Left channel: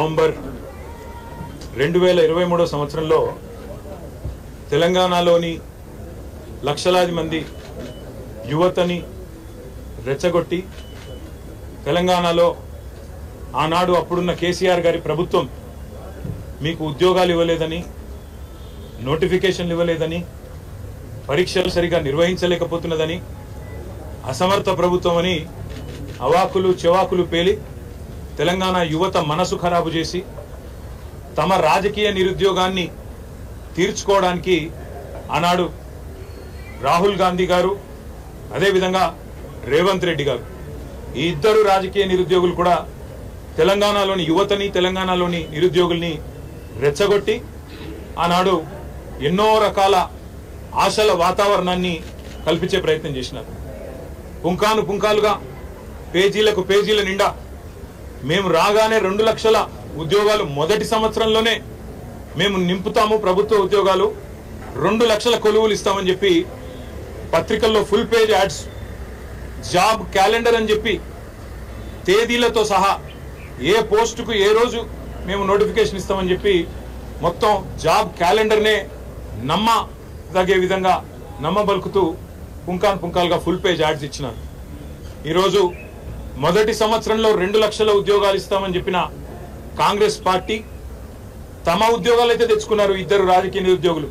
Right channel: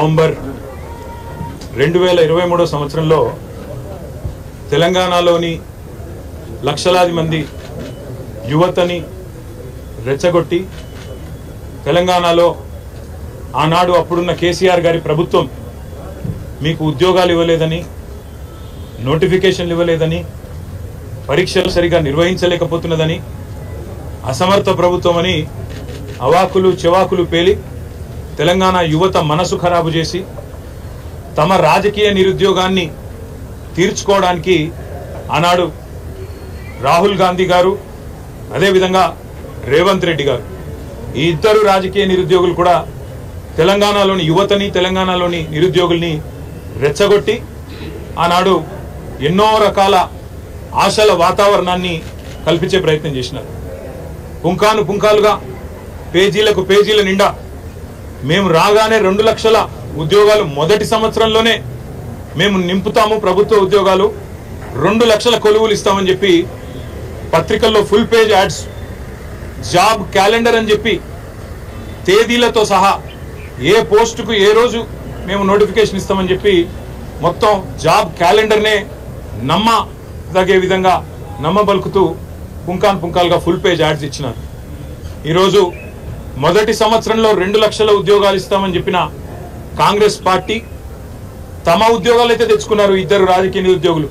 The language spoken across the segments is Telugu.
నవంబర్ 2023 సంవత్సరంలో తెలంగాణలోని లక్షలాది మంది యువతని రెచ్చగొట్టి తెలంగాణలో ఆనాడు అప్పుడున్న కేసీఆర్ గారి ప్రభుత్వం మీకు ఉద్యోగాలు ఇవ్వలేదని, నోటిఫికేషన్లు ఇవ్వలేదని, పరీక్షలు సరిగా నిర్వహించలేకపోతున్నదని, అసమర్థ ప్రభుత్వం అని అవాకులు చెవాకులు పేలి తెలంగాణ యువత మనసు ఖరాబు చేసి తమ రాజకీయ నిరుద్యోగాన్ని తీర్చుకోవడానికి ఆనాడు రాహుల్ గాంధీ గారు, అదేవిధంగా రేవంత్ రెడ్డి గారు, ఈ ఇద్దరు రాజకీయ నిరుద్యోగులు కూడా తెలంగాణలోని యువతని, తెలంగాణలోని నిరుద్యోగుల్ని రెచ్చగొట్టి ఆనాడు ఎన్నో రకాల ఆశల వాతావరణాన్ని కల్పించే ప్రయత్నం చేసినారు. పుంకాను పుంకాలుగా, పేజీలకు పేజీల నిండా మేము రాగానే 2 లక్షల ఉద్యోగాలు మొదటి సంవత్సరంలోనే మేము నింపుతాము, ప్రభుత్వ ఉద్యోగాలు 2 లక్షల కొలువులు ఇస్తామని చెప్పి పత్రికల్లో full page ads, job calendar అని చెప్పి తేదీలతో సహా ఏ పోస్టుకు ఏ రోజు మేము నోటిఫికేషన్ ఇస్తామని చెప్పి మొత్తం జాబ్ క్యాలెండర్నే నమ్మదగే విధంగా నమ్మబలుకుతూ పుంకాన్ పుంకాలుగా ఫుల్ పేజ్ యాడ్స్ ఇచ్చినారు. ఈరోజు మొదటి సంవత్సరంలో 2 లక్షల ఉద్యోగాలు ఇస్తామని చెప్పిన కాంగ్రెస్ పార్టీ తమ ఉద్యోగాలు అయితే తెచ్చుకున్నారు. ఇద్దరు రాజకీయ నిరుద్యోగులు,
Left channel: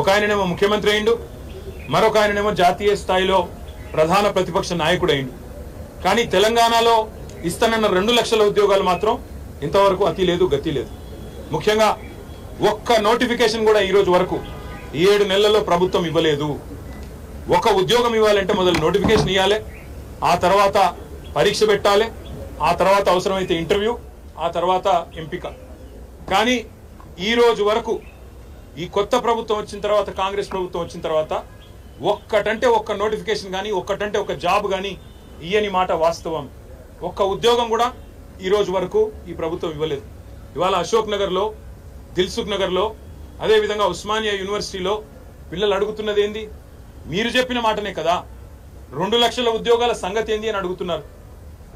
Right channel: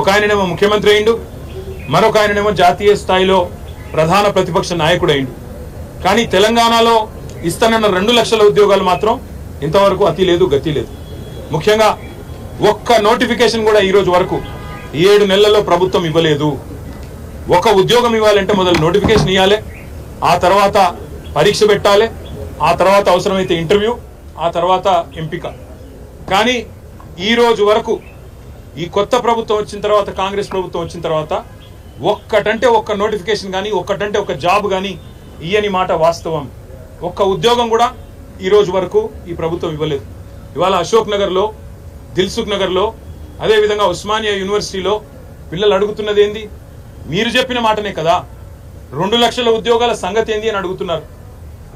ఒక ఆయననేమో ముఖ్యమంత్రి అయిండు, మరొక ఆయననేమో జాతీయ స్థాయిలో ప్రధాన ప్రతిపక్ష నాయకుడు అయిండు. కానీ తెలంగాణలో ఇస్తానన్న 2 లక్షల ఉద్యోగాలు మాత్రం ఇంతవరకు అతి లేదు, గతి లేదు. ముఖ్యంగా ఒక్క నోటిఫికేషన్ కూడా ఈ రోజు వరకు 7 నెలల్లో ప్రభుత్వం ఇవ్వలేదు. ఒక ఉద్యోగం ఇవ్వాలంటే మొదలు నోటిఫికేషన్ ఇవ్వాలి, ఆ తర్వాత పరీక్ష పెట్టాలి, ఆ తర్వాత అవసరమైతే ఇంటర్వ్యూ, ఆ తర్వాత ఎంపిక. కానీ ఈ రోజు వరకు ఈ కొత్త ప్రభుత్వం వచ్చిన తర్వాత, కాంగ్రెస్ ప్రభుత్వం వచ్చిన తర్వాత ఒక్కటంటే ఒక్క నోటిఫికేషన్ కానీ, ఒక్కటంటే ఒక జాబ్ కానీ ఇయ్యని మాట వాస్తవం. ఒక్క ఉద్యోగం కూడా ఈ రోజు వరకు ఈ ప్రభుత్వం ఇవ్వలేదు. ఇవాళ అశోక్ నగర్లో, దిల్సుఖ్ నగర్లో, అదేవిధంగా ఉస్మానియా యూనివర్సిటీలో పిల్లలు అడుగుతున్నది ఏంది? మీరు చెప్పిన మాటనే కదా, 2 లక్షల ఉద్యోగాల సంగతి ఏంది అని అడుగుతున్నారు.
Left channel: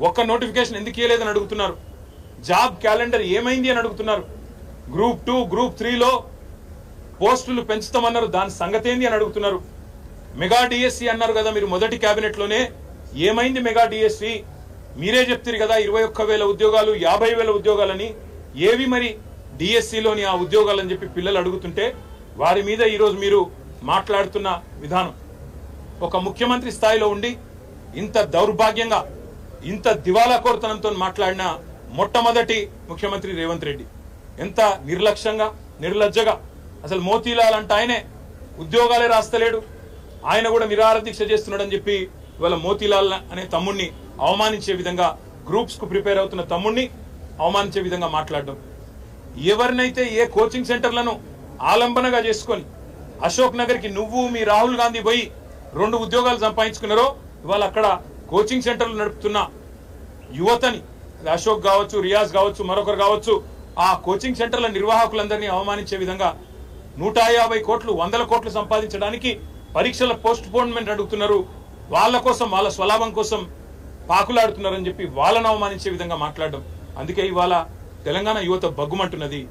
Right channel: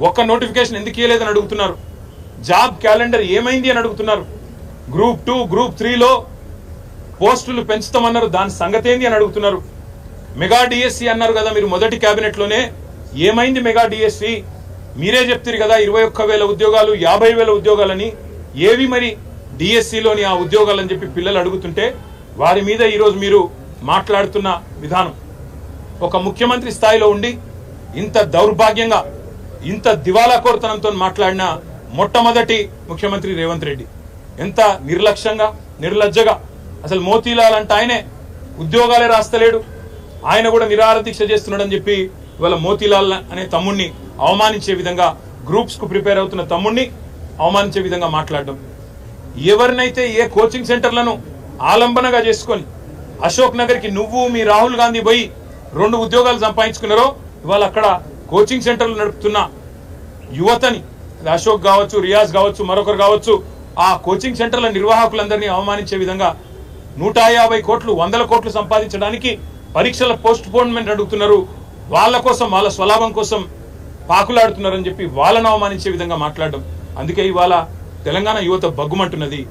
ఒక్క నోటిఫికేషన్ ఎందుకు ఇవ్వలేదని అడుగుతున్నారు. జాబ్ క్యాలెండర్ ఏమైంది అని అడుగుతున్నారు. గ్రూప్ 2, గ్రూప్ 3లో పోస్టులు పెంచుతామన్నారు, దాని సంగతి ఏంది అని అడుగుతున్నారు. మెగా డిఎస్సి అన్నారు కదా మీరు మొదటి కేబినెట్ లోనే, ఏమైంది మెగా డిఎస్సి? మీరే చెప్తారు కదా 21,000 ఉద్యోగాలు, 50,000 ఉద్యోగాలని, ఏవి మరి డిఎస్సిలోని ఆ ఉద్యోగాలని చెప్పి పిల్లలు అడుగుతుంటే వారి మీద ఈరోజు మీరు మాట్లాడుతున్న విధానం, ఒక ముఖ్యమంత్రి స్థాయిలో ఉండి ఇంత దౌర్భాగ్యంగా, ఇంత దివాలాకోరుతనంతో మాట్లాడిన మొట్టమొదటి ముఖ్యమంత్రి రేవంత్ రెడ్డి. ఎంత నిర్లక్ష్యంగా, నిర్లజ్జగా, అసలు మోతీలాల్ అంటే ఆయనే ఉద్యోగాలే రాస్తలేడు, ఆయన కూడా నిరాహార దీక్ష చేస్తున్నాడని చెప్పి ఇవాళ మోతీలాల్ అనే తమ్ముడిని అవమానించే విధంగా, గ్రూప్స్ కు ప్రిపేర్ అవుతున్న తమ్ముడిని అవమానించే విధంగా మాట్లాడడం. ఎవరినైతే ఏ కోచింగ్ సెంటర్లను ఆలంబనగా చేసుకొని అశోక్ నగర్ కి నువ్వు మీ రాహుల్ గాంధీ పోయి 2 ఉద్యోగాలు సంపాదించుకున్నారో, ఇవాళ అక్కడ కోచింగ్ సెంటర్లు నడుపుతున్న యువతని, అశోక్ కావచ్చు, రియాజ్ కావచ్చు, మరొకరు కావచ్చు, ఆ కోచింగ్ సెంటర్ల నిర్వాహకులందరినీ అవమానించే విధంగా 150 కోట్లు, 100 కోట్లు సంపాదించడానికి పరీక్షల పోస్ట్ పోన్మెంట్ అడుగుతున్నారు. వాళ్ళ కోసం, వాళ్ళ స్వలాభం కోసం పాకులాడుతున్నారని చెప్పి వాళ్ళని అవమానించే విధంగా మాట్లాడడం. అందుకే ఇవాళ తెలంగాణ యువత బగ్గుమంటున్నది.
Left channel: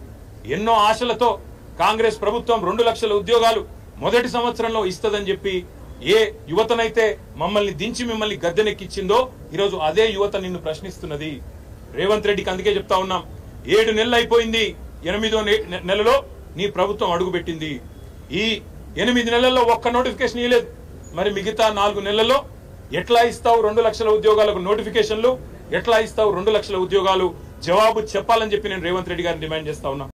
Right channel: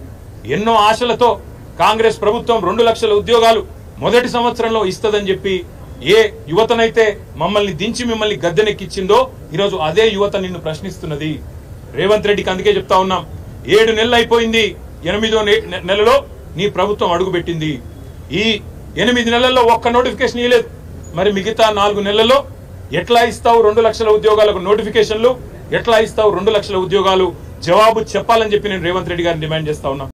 ఎన్నో ఆశలతో కాంగ్రెస్ ప్రభుత్వం 2 లక్షల ఉద్యోగాలు మొదటి సంవత్సరంలో ఇస్తదని చెప్పి ఏ యువతనైతే మమ్మల్ని దించి మిమ్మల్ని గద్దెనెక్కిచ్చిందో ఈరోజు అదే యువత నిన్ను ప్రశ్నిస్తున్నది. రేవంత్ రెడ్డికి అందుకే చెప్తా ఉన్నాం, 7 నెలలు అయిపోయింది, 8వ నెలలో నీ ప్రభుత్వం అడుగుపెట్టింది. ఈ 8 నెలల్లో ఒక్క నోటిఫికేషన్ ఇవ్వలేదు. మరి మిగతా 4 నెలల్లో ఎట్లా ఇస్తావు 2 లక్షల ఉద్యోగాలకు నోటిఫికేషన్లు? ఎట్లా ఇస్తావు 2 లక్షల ఉద్యోగాలు? జవాబు చెప్పాలని చెప్పి నేను రేవంత్ రెడ్డి గారిని డిమాండ్ చేస్తా ఉన్నా.